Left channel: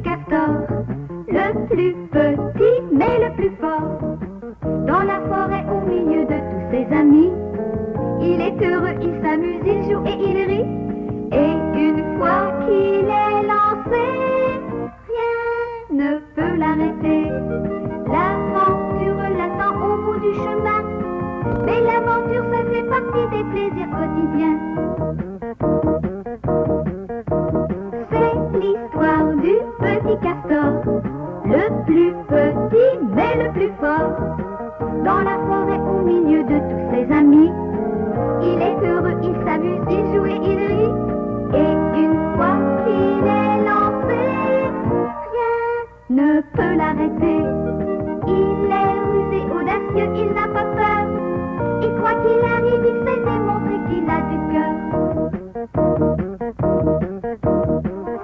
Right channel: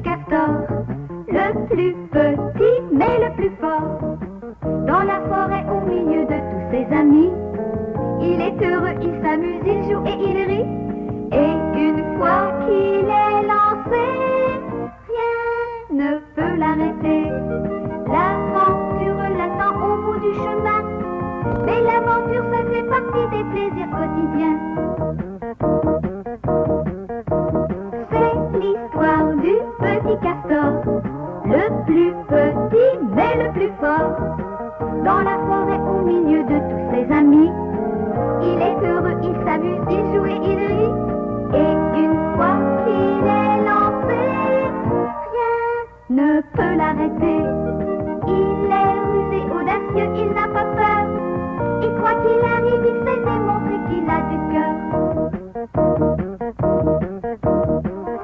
petit castor, le plus petit mais le plus fort. Dans la forêt au milieu de tous ses amis, il est heureux, il s'amuse, il joue et il rit. Et une fois qu'il est lancé, rien ne peut l'arrêter. L'aventure l'attend au bout du chemin, mais l'aventure ça fait partie des plaisirs quotidiens. C'est l'histoire du petit castor, le plus petit mais le plus fort. Dans la forêt au milieu de tous ses amis, il est heureux, il s'amuse, il joue et il rit. Et une fois qu'il est lancé, rien ne peut l'arrêter. Il est rusé, audacieux, il n'a pas peur. Et quoi qu'il arrive, il sait démontrer qu'il a du cœur.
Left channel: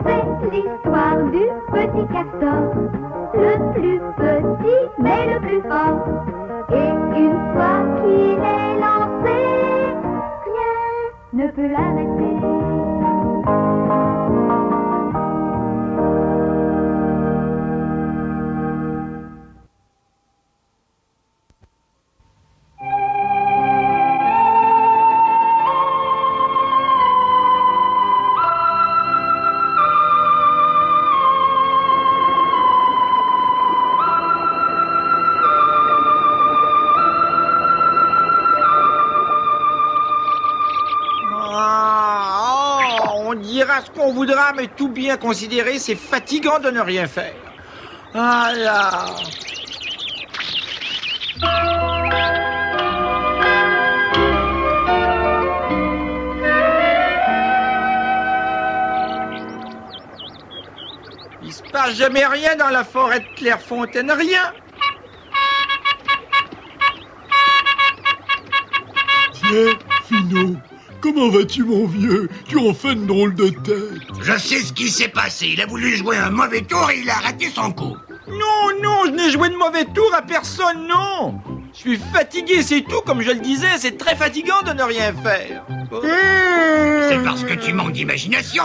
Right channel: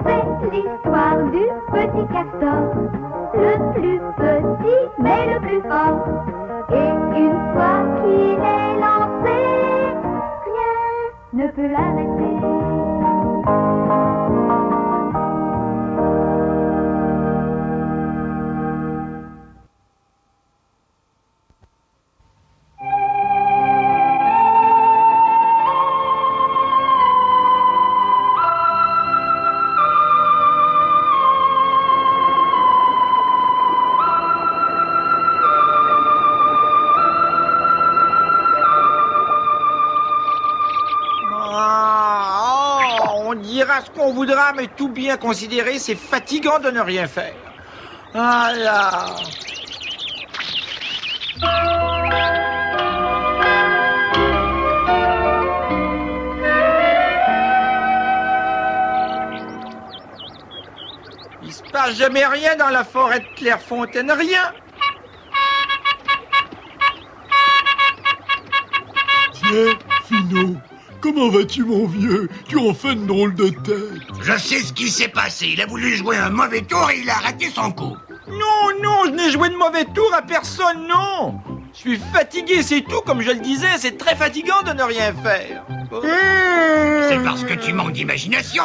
C'est l'histoire du petit castor, le plus petit mais le plus fort. Et une fois qu'il est lancé, rien ne peut l'arrêter. Ce qu'on voudra, mais tout bien considéré, c'est fatigant de ne rien faire. Ah là. Il se passe jamais rien dans la forêt de Clairefontaine, rien. Tiens, Finot. Comment vas-tu, mon vieux? Tu en fais une drôle de tête. Je sais ce qui s'est passé. Il a voulu jouer un mauvais tour et il a raté son coup. Non, je n'ai joué de mauvais tour à personne, non. Je suis fatigué, c'est tout. Comme je le disais, c'est très fatigant de ne rien faire. C'est parce que tu manques d'imagination.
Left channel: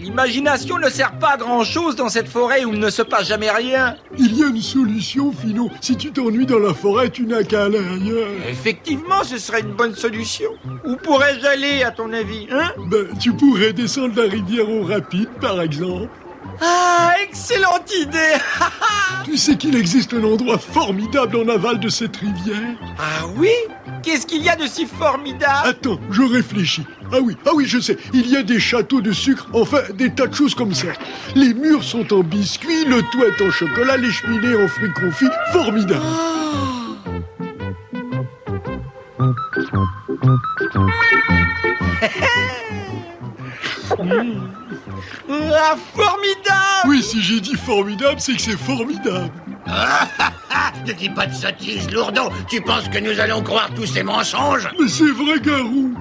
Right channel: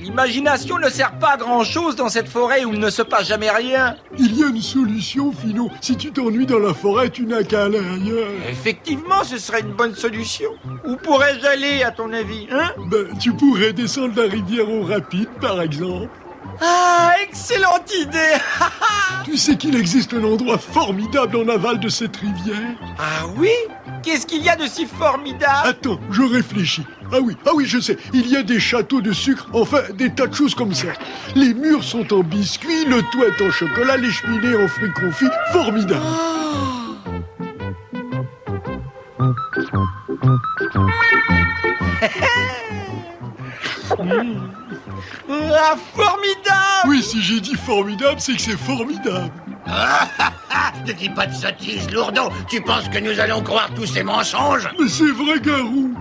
L'imagination ne sert pas à grand-chose dans cette forêt où il ne se passe jamais rien. Il y a une solution, Finot. Si tu t'ennuies dans la forêt, tu n'as qu'à aller ailleurs. Effectivement, ce serait une bonne solution. Où pourrais-je aller, à ton avis, hein? Tu pourrais descendre la rivière au rapide, par exemple. Ah, excellente idée. Tu sais qu'il existe un endroit formidable en aval de cette rivière? Ah oui? Qu'est-ce qu'il y a de si formidable? Attends, je réfléchis. Ah oui, je sais. Il y a des châteaux de sucre, enfin, des tas de choses comme ça. Les murs sont en biscuits, le toit est en chocolat, les cheminées en fruits confits. Formidable. Ah, formidable! Oui, si j'ai dit formidable, c'est que c'est formidable. Ne dis pas de sottises, lourdeau. Tu penses que nous allons croire tous ces mensonges? Mais c'est vrai, Garou.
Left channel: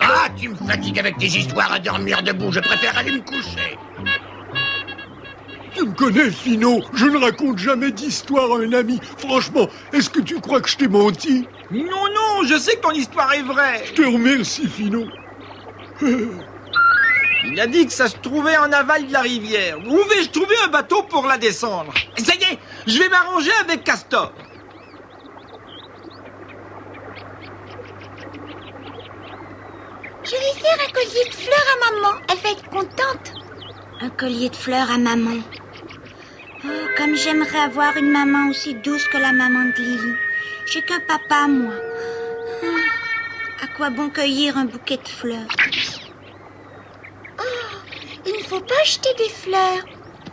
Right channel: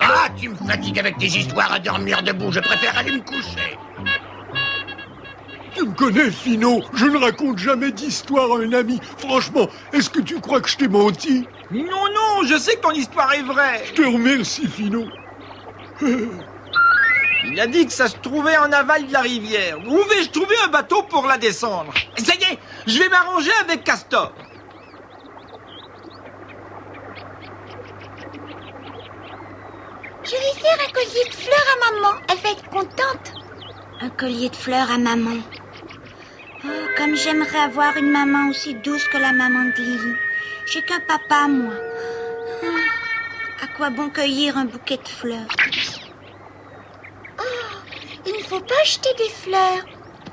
Ah, tu me fatigues avec tes histoires à dormir debout. Je préfère aller me coucher. Tu me connais, Finot. Je ne raconte jamais d'histoire à un ami. Franchement, est-ce que tu crois que je t'ai menti? Non, je sais que ton histoire est vraie. Je te remercie, Finot. Il a dit que ça se trouvait en aval de la rivière. Où vais-je trouver un bateau pour la descendre? Ça y est, je vais m'arranger avec Castor. Je vais faire un collier de fleurs à maman. Elle va être contente. Un collier de fleurs à maman. Oh, comme j'aimerais avoir une maman aussi douce que la maman de Lily. J'ai qu'un papa, moi. À quoi bon cueillir un bouquet de fleurs? Oh, il ne faut pas acheter des fleurs.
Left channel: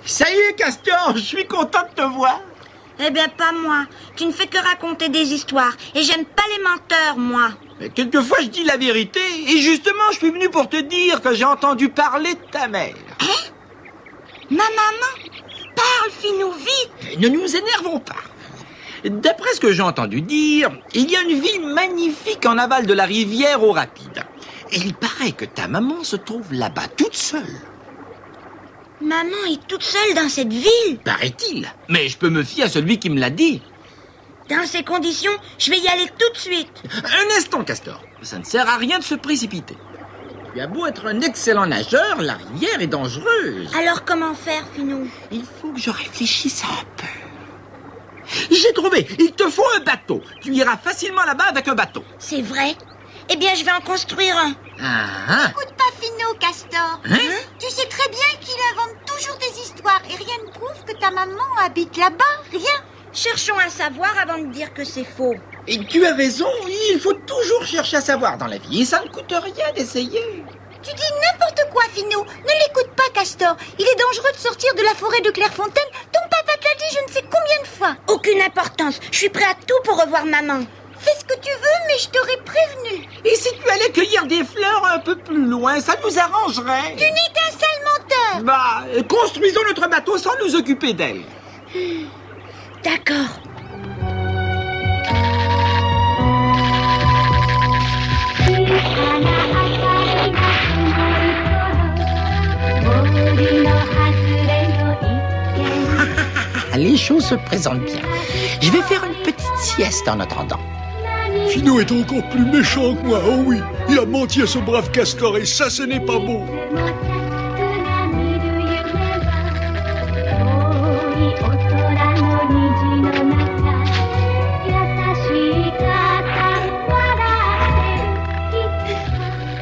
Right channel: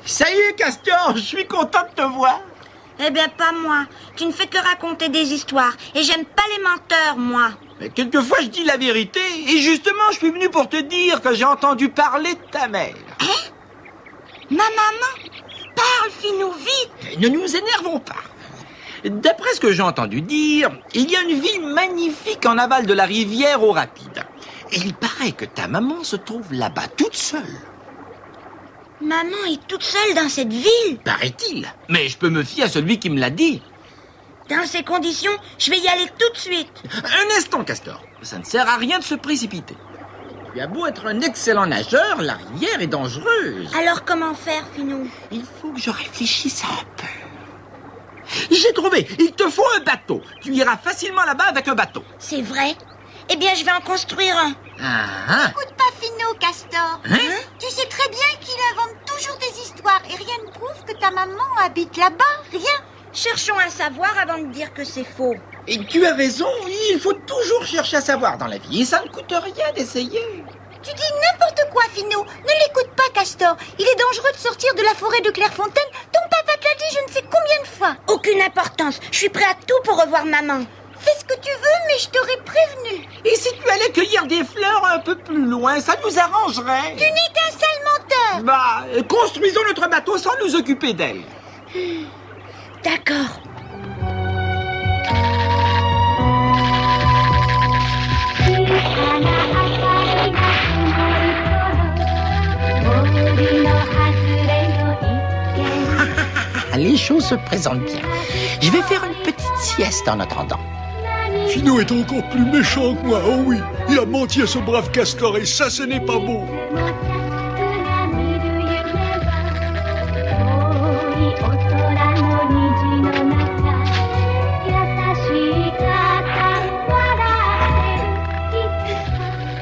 Ça y est, Castor, je suis content de te voir. Eh bien, pas moi. Tu ne fais que raconter des histoires. Et j'aime pas les menteurs, moi. Mais quelquefois, je dis la vérité. Et justement, je suis venu pour te dire que j'ai entendu parler de ta mère. Hein? Ma maman? Parle, Finot, vite. Ne nous énervons pas. D'après ce que j'ai entendu dire, il y a une ville magnifique en aval de la rivière au rapide. Et il paraît que ta maman se trouve là-bas toute seule. Maman est toute seule dans cette ville? Paraît-il. Mais je peux me fier à celui qui me l'a dit. Dans ces conditions, je vais y aller tout de suite. Un instant, Castor. Ça ne sert à rien de se précipiter. Tu as beau être un excellent nageur, la rivière est dangereuse. Alors comment faire, Finot? Il faut que je réfléchisse un peu. J'ai trouvé, il te faut un bateau. Tu iras facilement là-bas avec un bateau. C'est vrai? Eh bien, je vais en construire un. Ah, Écoute pas Finot, Castor. Hein? Tu sais très bien qu'il invente toujours des histoires et rien ne prouve que ta maman habite là-bas. Rien. Cherchons à savoir avant de dire que c'est faux. et tu as raison, il faut toujours chercher à savoir dans la vie. Et ça ne coûte rien d'essayer. Tu dis n'importe quoi, Finot. Ne l'écoute pas, Castor. Il est dangereux de sortir de la forêt de Clairefontaine. Ton papa te l'a dit je ne sais combien de fois. Aucune importance. Je suis prêt à tout pour revoir maman. Fais ce que tu veux, mais je t'aurais prévenu. Et si tu allais cueillir des fleurs un peu plus loin, ça nous arrangerait. Tu n'es qu'un sale menteur. Bah, construisons notre bateau sans nous occuper d'elle. D'accord. Les choses se présentent bien. Je vais faire une petite sieste en attendant. Finot est encore plus méchant que moi, oh oui. Il a menti à ce brave Castor et ça, ce n'est pas bon.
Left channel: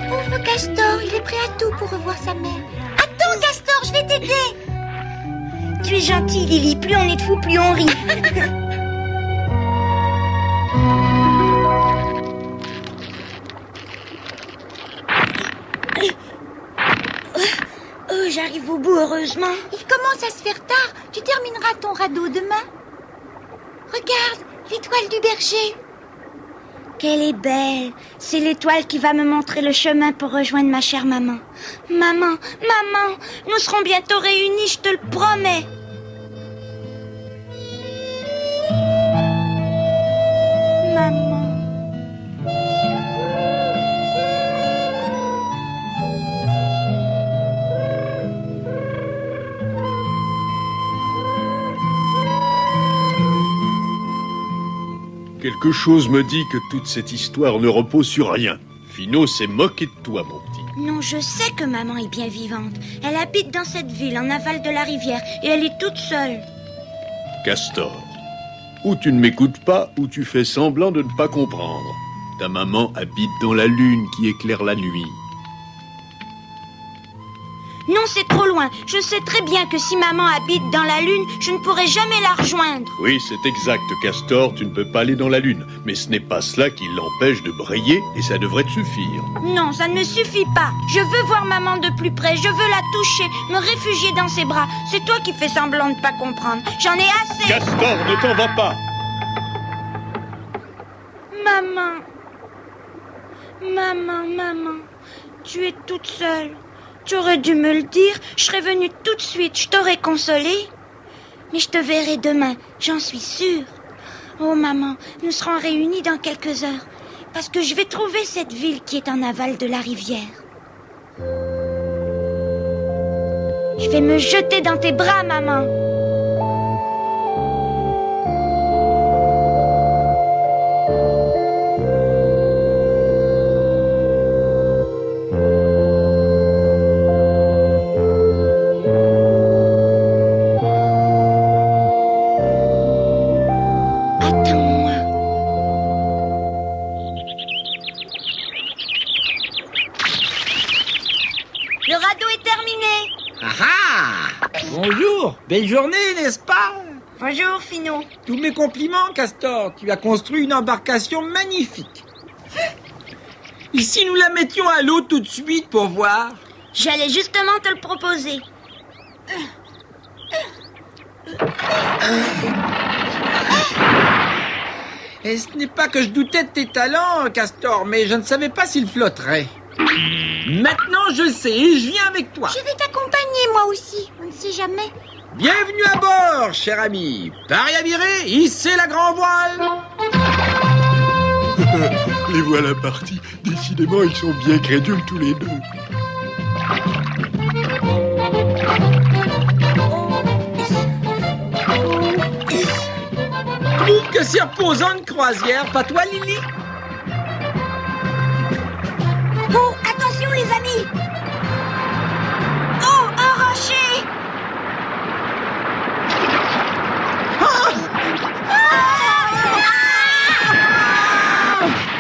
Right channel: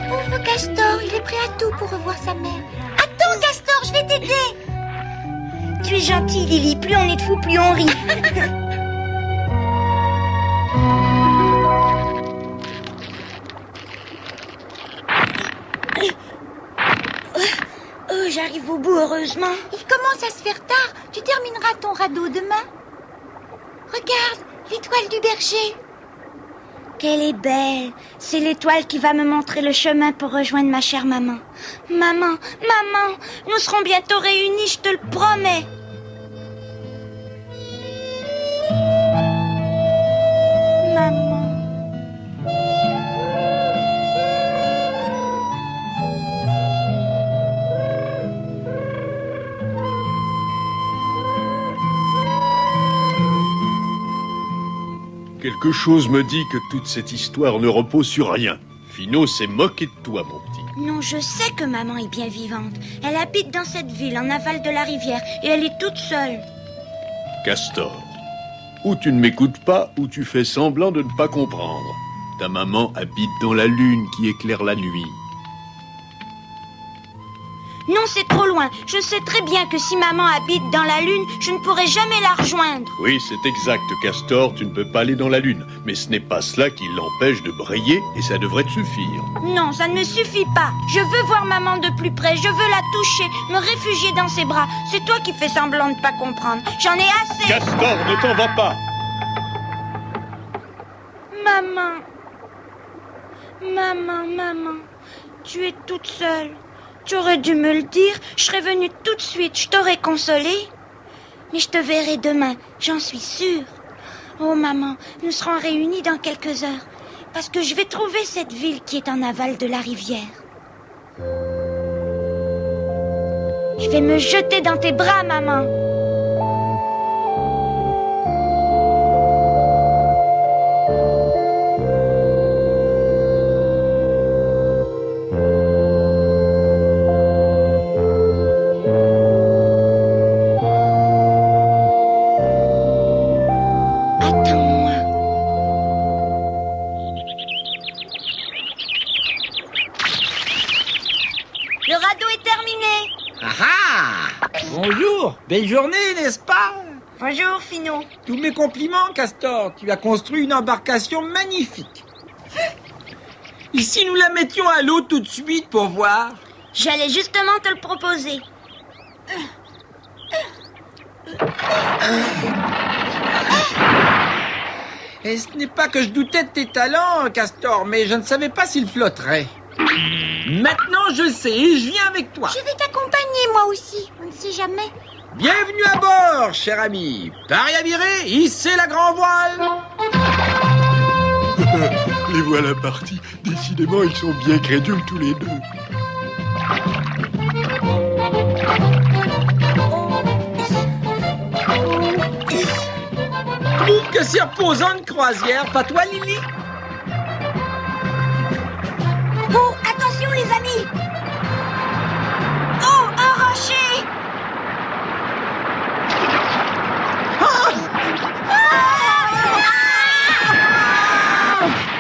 Pauvre Castor, il est prêt à tout pour revoir sa mère. Attends, Castor, je vais t'aider. Tu es gentille, Lily. Plus on est de fous, plus on rit. Oh, j'arrive au bout, heureusement. Il commence à se faire tard. Tu termineras ton radeau demain. Regarde, l'étoile du berger. Qu'elle est belle. C'est l'étoile qui va me montrer le chemin pour rejoindre ma chère maman. Maman, maman, nous serons bientôt réunis, je te le promets. Maman. Quelque chose me dit que toute cette histoire ne repose sur rien. Finot s'est moqué de toi, mon petit. Non, je sais que maman est bien vivante. Elle habite dans cette ville, en aval de la rivière, et elle est toute seule. Castor, ou tu ne m'écoutes pas, ou tu fais semblant de ne pas comprendre. Ta maman habite dans la lune qui éclaire la nuit. Non, c'est trop loin. Je sais très bien que si maman habite dans la lune, je ne pourrai jamais la rejoindre. Oui, c'est exact, Castor, tu ne peux pas aller dans la lune. Mais ce n'est pas cela qui l'empêche de briller, et ça devrait te suffire. Non, ça ne me suffit pas. Je veux voir maman de plus près. Je veux la toucher, me réfugier dans ses bras. C'est toi qui fais semblant de ne pas comprendre. J'en ai assez. Castor, ne t'en va pas! Maman. Maman, maman. Tu es toute seule. Tu aurais dû me le dire. Je serais venue tout de suite. Je t'aurais consolée. Mais je te verrai demain. J'en suis sûre. Oh, maman, nous serons réunis dans quelques heures. Parce que je vais trouver cette ville qui est en aval de la rivière. Je vais me jeter dans tes bras, maman. Le radeau est terminé. Ah ah! Bonjour! Belle journée, n'est-ce pas? Bonjour, Finot. Tous mes compliments, Castor. Tu as construit une embarcation magnifique. Et si nous la mettions à l'eau tout de suite pour voir? J'allais justement te le proposer. Et ce n'est pas que je doutais de tes talents, Castor, mais je ne savais pas s'il flotterait. Maintenant, je sais et je viens avec toi. Je vais t'accompagner, moi aussi. On ne sait jamais. Bienvenue à bord, cher ami. Pari à virer, hissez la grand voile. Les voilà partis. Décidément, ils sont bien crédules tous les deux. Trouve que c'est reposant une croisière, pas toi, Lily? Oh, attention les amis. Lily! Oh, un rocher!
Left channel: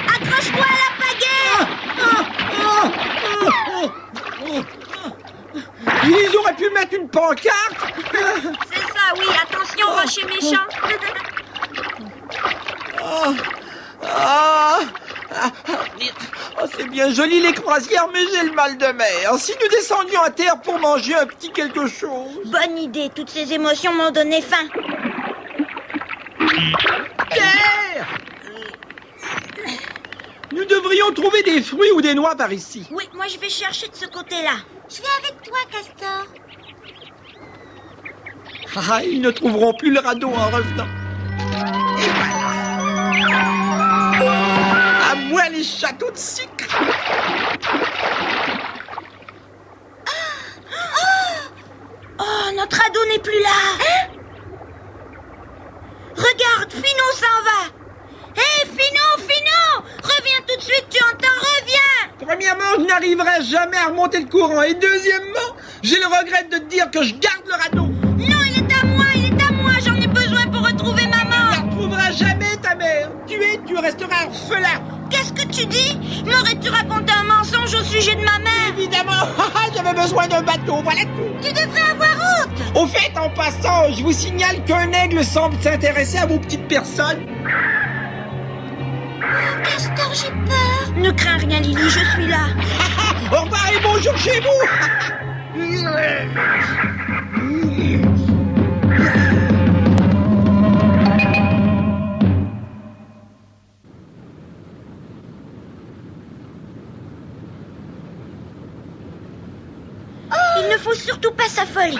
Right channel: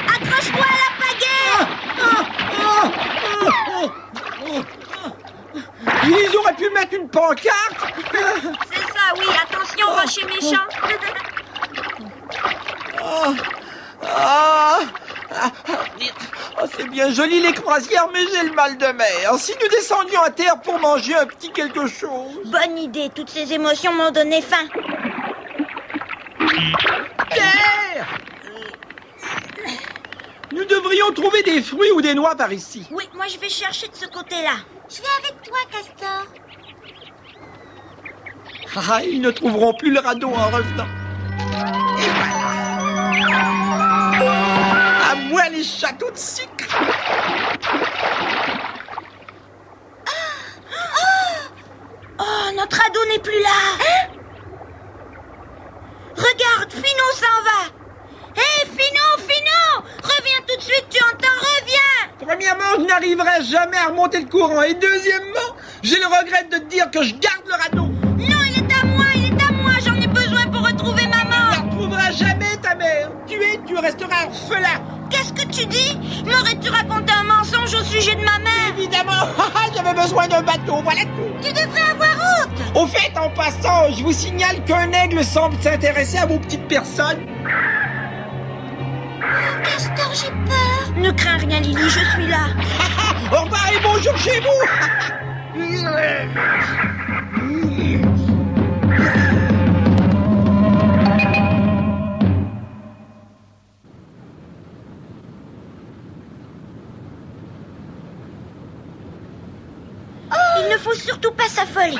Accroche-toi à la pagaie! Ils auraient pu mettre une pancarte. C'est ça, oui, attention, rocher méchant. C'est bien joli les croisières, mais j'ai le mal de mer. Si nous descendions à terre pour manger un petit quelque chose. Bonne idée, toutes ces émotions m'ont donné faim. Terre! Nous devrions trouver des fruits ou des noix par ici. Oui, moi je vais chercher de ce côté-là. Je vais avec toi, Castor. Ils ne trouveront plus le radeau en revenant. Et voilà. À moi les châteaux de sucre. Oh, notre radeau n'est plus là. Hein? Regarde, Finot s'en va. Hé, Finot, reviens tout de suite, tu entends, reviens. Premièrement, je n'arriverai jamais à remonter le courant. Et deuxièmement, j'ai le regret de te dire que je garde le radeau. Non, il est à moi, j'en ai besoin pour retrouver maman. Tu ne retrouveras jamais ta mère. Tu resteras orphelin. Qu'est-ce que tu dis? M'aurais-tu raconté un mensonge au sujet de ma mère? Évidemment, j'avais besoin d'un bateau, voilà tout. Tu devrais avoir honte. Au fait, en passant, je vous signale qu'un aigle semble s'intéresser à vos petites personnes. Castor, j'ai peur. Ne crains rien, Lily, je suis là. Au revoir et bonjour chez vous. Il ne faut surtout pas s'affoler.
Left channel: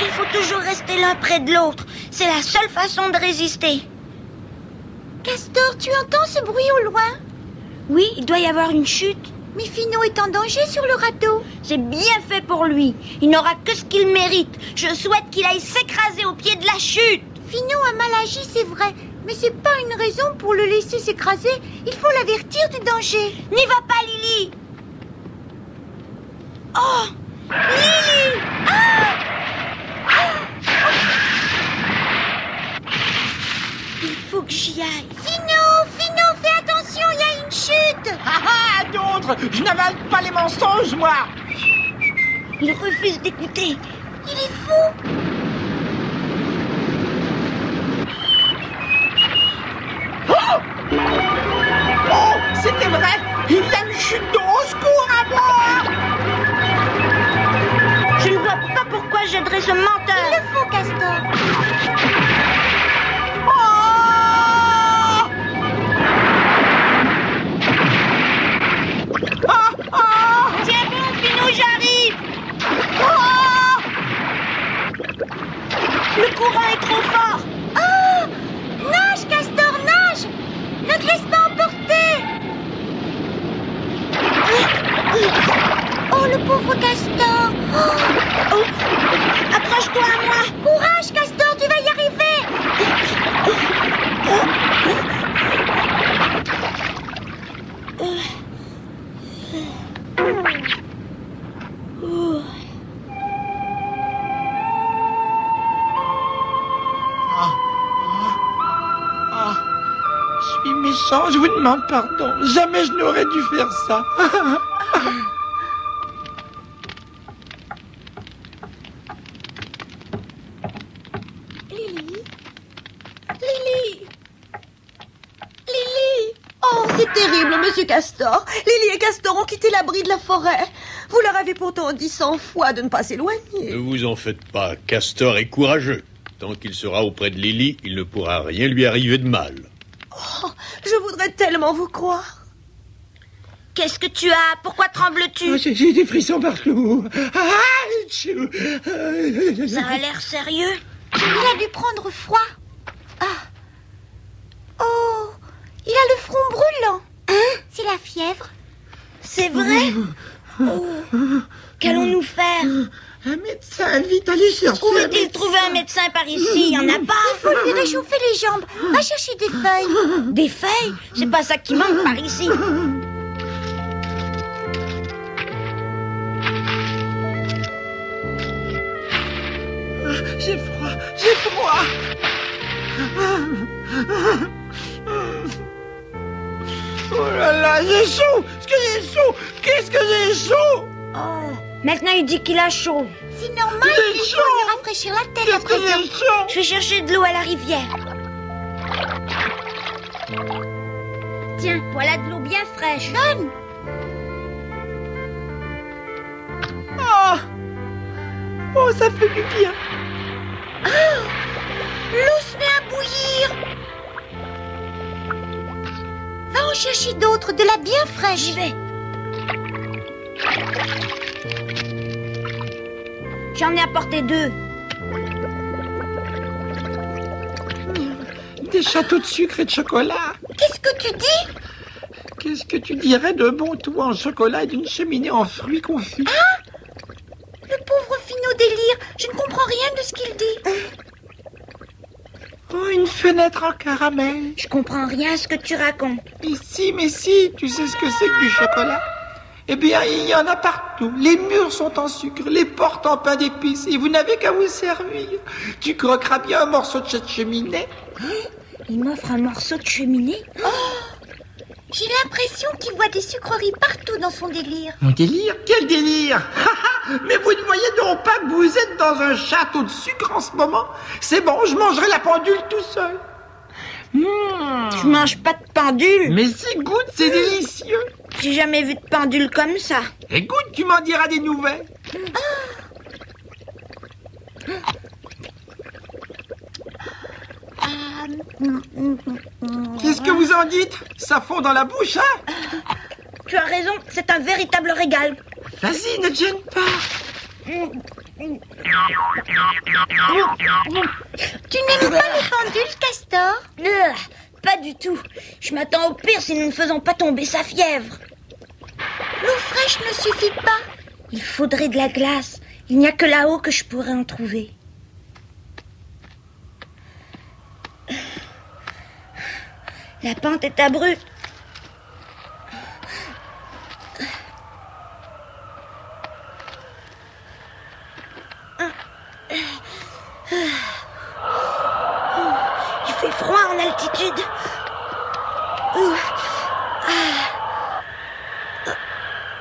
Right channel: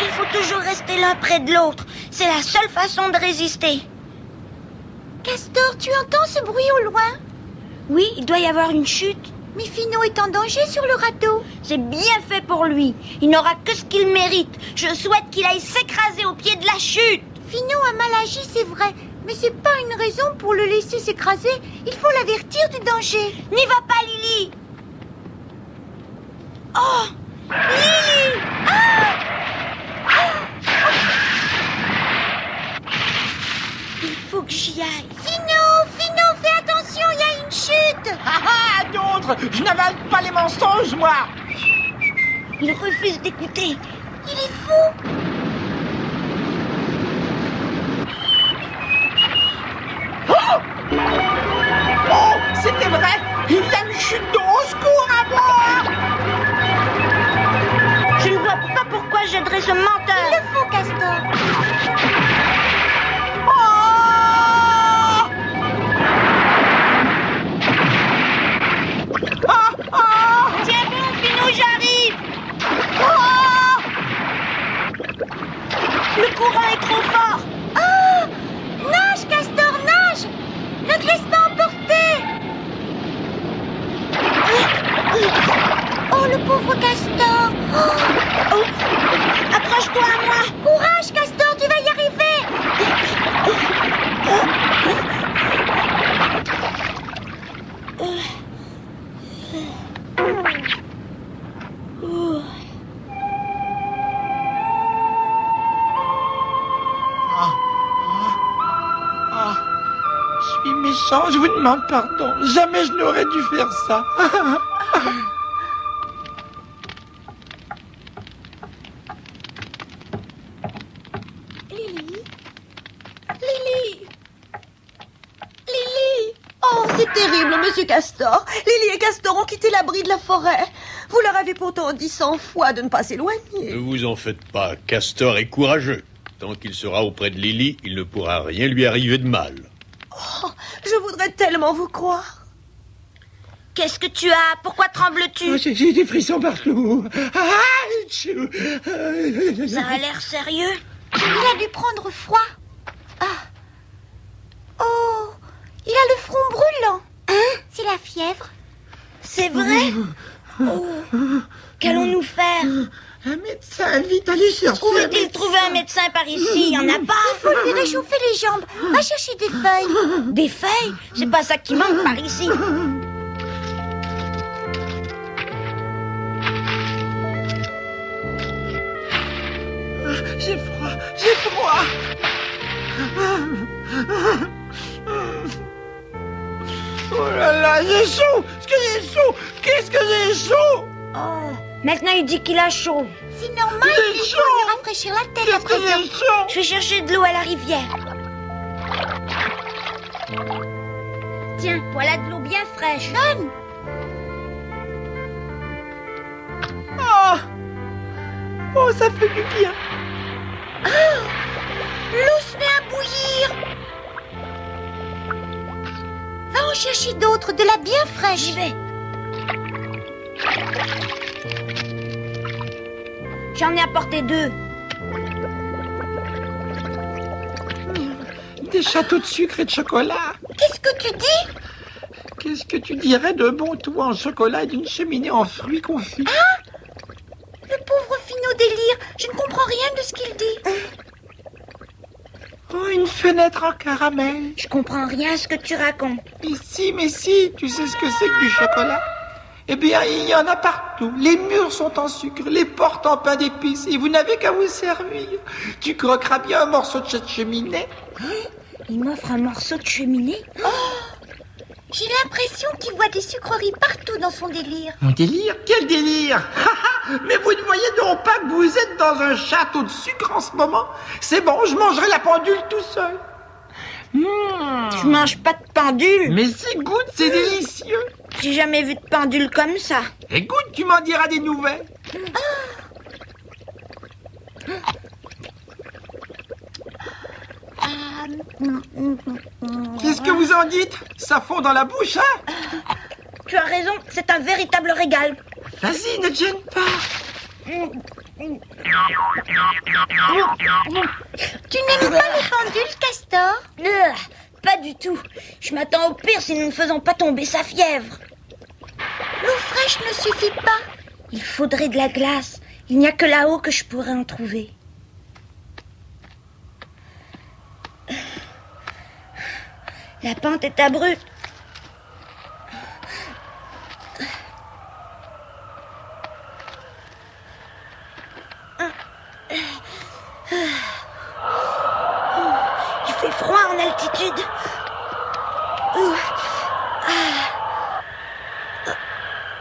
Il faut toujours rester l'un près de l'autre. C'est la seule façon de résister. Castor, tu entends ce bruit au loin? Oui, il doit y avoir une chute. Mais Finot est en danger sur le radeau. C'est bien fait pour lui. Il n'aura que ce qu'il mérite. Je souhaite qu'il aille s'écraser au pied de la chute. Finot a mal agi, c'est vrai. Mais c'est pas une raison pour le laisser s'écraser. Il faut l'avertir du danger. N'y va pas, Lily. Oh, Lily! Il faut que j'y aille. Finot, fais attention, il y a une chute. D'autres, je n'avale pas les mensonges, moi. Il refuse d'écouter. Il est fou. Oh, c'était vrai. Il y a une chute d'eau. Au secours à moi. Je ne vois pas pourquoi j'aiderais ce menteur. Il le faut, Castor. Tiens bon, Finot, j'arrive. Le courant est trop fort. Nage, Castor, nage. Ne te laisse pas emporter. Oh, le pauvre Castor. Oh, accroche-toi à moi. Courage, Castor, tu vas y arriver. Je suis méchant, je vous demande pardon. Jamais je n'aurais dû faire ça. Oh, c'est terrible, monsieur Castor. Lily et Castor ont quitté l'abri de la forêt. Vous leur avez pourtant dit 100 fois de ne pas s'éloigner. Ne vous en faites pas, Castor est courageux. Tant qu'il sera auprès de Lily, il ne pourra rien lui arriver de mal. Oh, je voudrais tellement vous croire. Qu'est-ce que tu as? Pourquoi trembles-tu? J'ai des frissons partout. Ça a l'air sérieux. Il a dû prendre froid. Oh, il a le front brûlant. C'est la fièvre. C'est vrai? Oh, qu'allons-nous faire? Un médecin, vite, allez chercher. Où est-il trouvé un médecin par ici? Il n'y en a pas. Il faut lui réchauffer les jambes. Va chercher des feuilles. Des feuilles? C'est pas ça qui manque par ici. J'ai froid, j'ai froid. Oh là là, j'ai chaud. Qu'est-ce que j'ai chaud? Oh, maintenant il dit qu'il a chaud. C'est normal, J'ai il chaud. faut lui rafraîchir la tête Qu'est-ce après que ça. j'ai chaud? Je vais chercher de l'eau à la rivière. Tiens, voilà de l'eau bien fraîche. Donne. Oh, ça fait du bien. L'eau se met à bouillir. Va en chercher d'autres, de la bien fraîche. J'y vais. J'en ai apporté 2. Des châteaux de sucre et de chocolat. Qu'est-ce que tu dis? Qu'est-ce que tu dirais de bon tout en chocolat et d'une cheminée en fruits confits? Le pauvre Finot délire. Je ne comprends rien de ce qu'il dit. Oh, une fenêtre en caramel. Je comprends rien à ce que tu racontes. Mais si, tu sais ce que c'est que du chocolat? Eh bien, il y en a partout. Les murs sont en sucre, les portes en pain d'épices, et vous n'avez qu'à vous servir. Tu croqueras bien un morceau de cette cheminée. Il m'offre un morceau de cheminée. J'ai l'impression qu'il voit des sucreries partout dans son délire. Mon délire? Quel délire? Mais vous ne voyez donc pas que vous êtes dans un château de sucre en ce moment? C'est bon, je mangerai la pendule tout seul. Je mange pas de pendule. Mais si, goûte, c'est délicieux. J'ai jamais vu de pendule comme ça. Et goûte, tu m'en diras des nouvelles. Qu'est-ce que vous en dites? Ça fond dans la bouche, hein? Tu as raison, c'est un véritable régal. Vas-y, ne te gêne pas. Tu n'aimes pas les pendules, Castor? Pas du tout. Je m'attends au pire si nous ne faisons pas tomber sa fièvre. L'eau fraîche ne suffit pas. Il faudrait de la glace. Il n'y a que là-haut que je pourrais en trouver. La pente est abrupte. Il fait froid en altitude.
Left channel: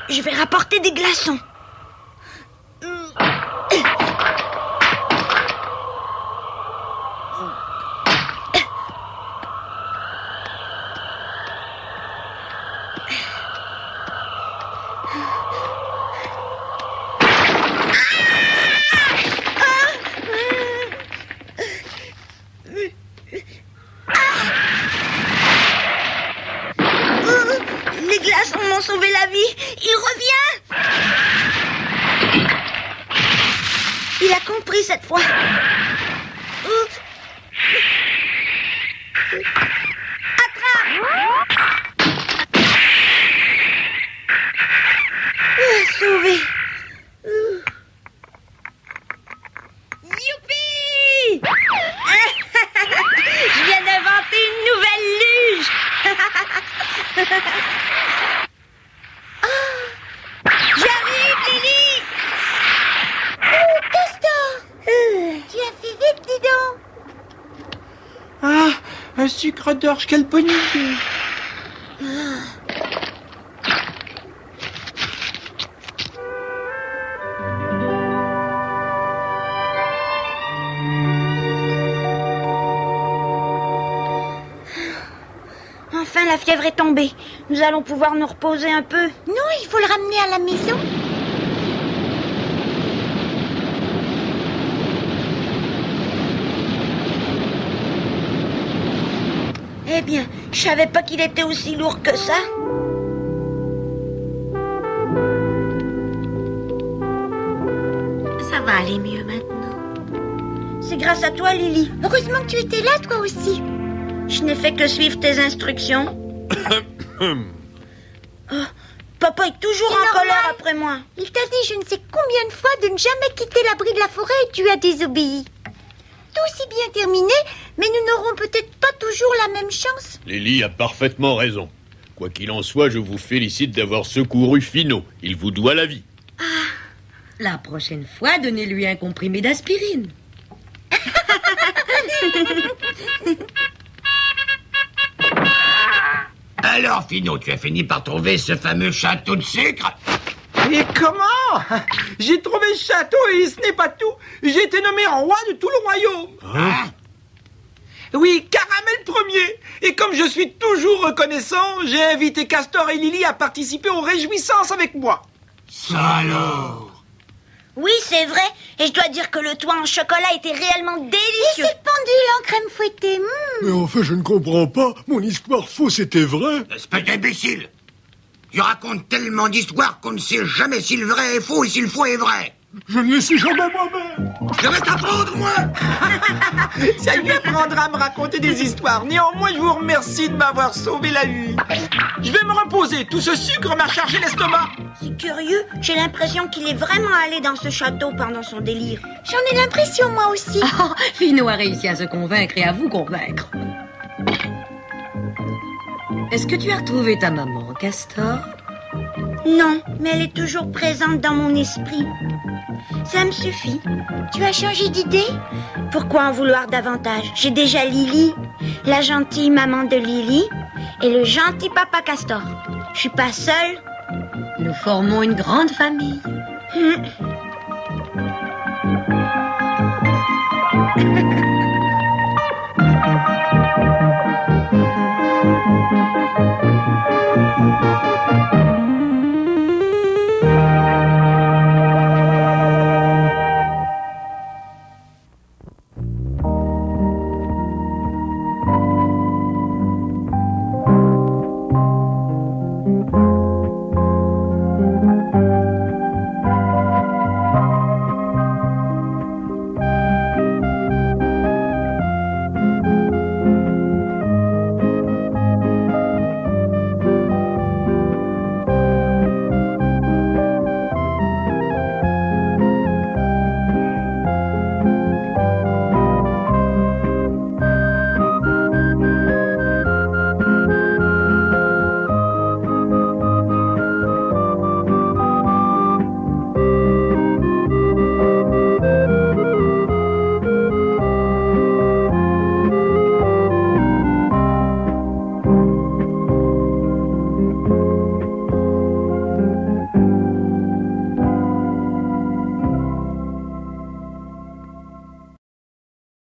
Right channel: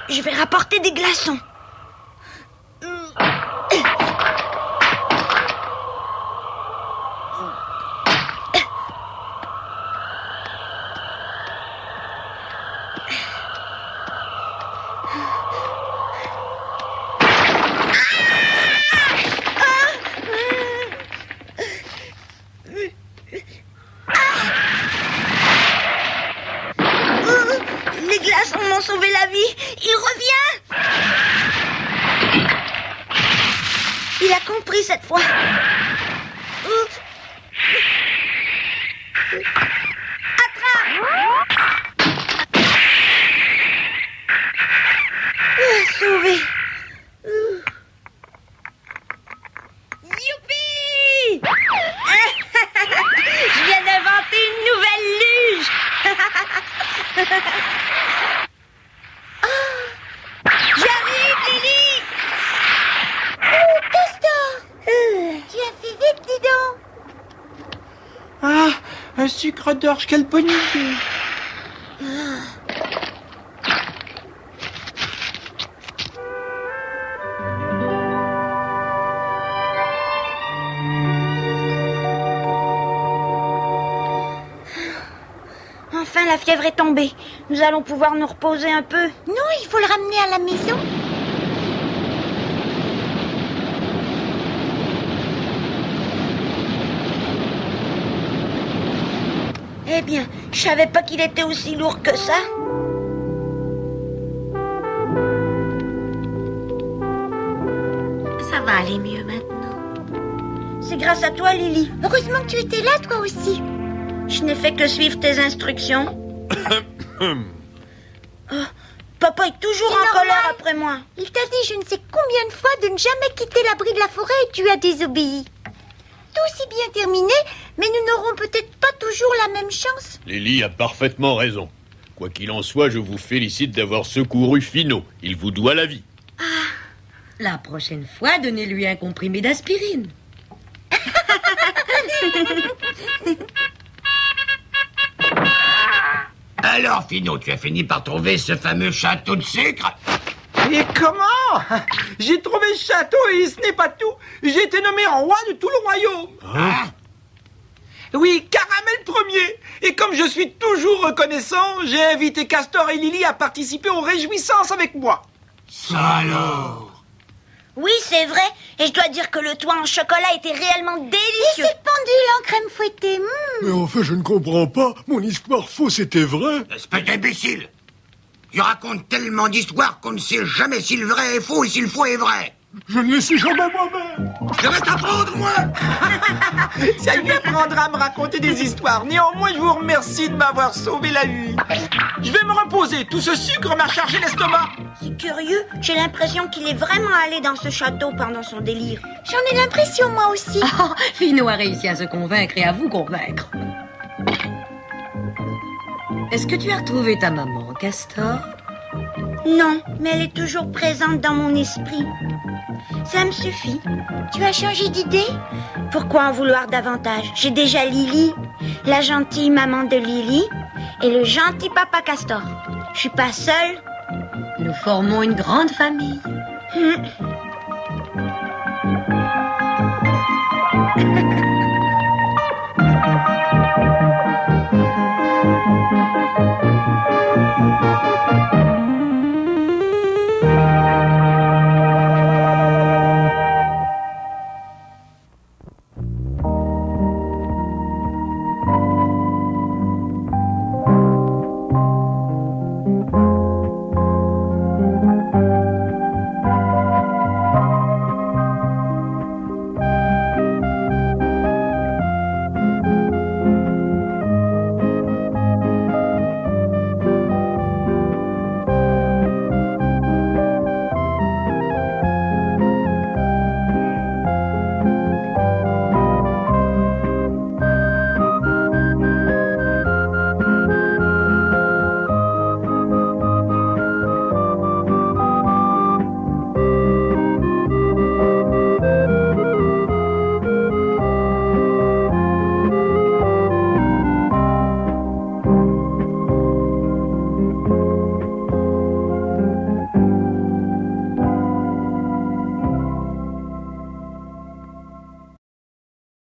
Je vais rapporter des glaçons. Les glaçons m'ont sauvé la vie. Il revient. Il a compris cette fois. Attrape. Sauvé. Youpi. Je viens d'inventer une nouvelle luge. J'arrive, Lily. Oh, Castor, tu as fait vite, dis donc. Ah, un sucre d'orge, quelle bonne idée. Enfin, la fièvre est tombée. Nous allons pouvoir nous reposer un peu. Non, il faut le ramener à la maison. Eh bien, je savais pas qu'il était aussi lourd que ça. Ça va aller mieux maintenant. C'est grâce à toi, Lily. Heureusement que tu étais là, toi aussi. Je n'ai fait que suivre tes instructions. Oh, Papa est toujours C'est en normal. colère après moi. Il t'a dit je ne sais combien de fois de ne jamais quitter l'abri de la forêt et tu as désobéi. Tout si bien terminé, mais nous n'aurons peut-être pas toujours la même chance. Lily a parfaitement raison. Quoi qu'il en soit, je vous félicite d'avoir secouru Finot. Il vous doit la vie. La prochaine fois, donnez-lui un comprimé d'aspirine. Alors, Finot, tu as fini par trouver ce fameux château de sucre? Et comment? J'ai trouvé le château et ce n'est pas tout. J'ai été nommé roi de tout le royaume. Hein? Oui, Caramel premier. Et comme je suis toujours reconnaissant, j'ai invité Castor et Lily à participer aux réjouissances avec moi. Salaud! Oui, c'est vrai. Et je dois dire que le toit en chocolat était réellement Et délicieux. cette pendule en crème fouettée. Mais enfin, je ne comprends pas. Mon histoire fausse était vraie. Espèce d'imbécile! Tu racontes tellement d'histoires qu'on ne sait jamais si le vrai est faux et si le faux est vrai. Je ne le sais jamais moi-même. Je vais t'apprendre, moi! Ça lui apprendra à me raconter des histoires. Néanmoins, je vous remercie de m'avoir sauvé la vie. Je vais me reposer. Tout ce sucre m'a chargé l'estomac. C'est curieux. J'ai l'impression qu'il est vraiment allé dans ce château pendant son délire. J'en ai l'impression moi aussi. Oh, Finot a réussi à se convaincre et à vous convaincre. Est-ce que tu as retrouvé ta maman, Castor? Non, mais elle est toujours présente dans mon esprit. Ça me suffit. Tu as changé d'idée? Pourquoi en vouloir davantage? J'ai déjà Lily, la gentille maman de Lily, et le gentil papa Castor. Je suis pas seule. Nous formons une grande famille.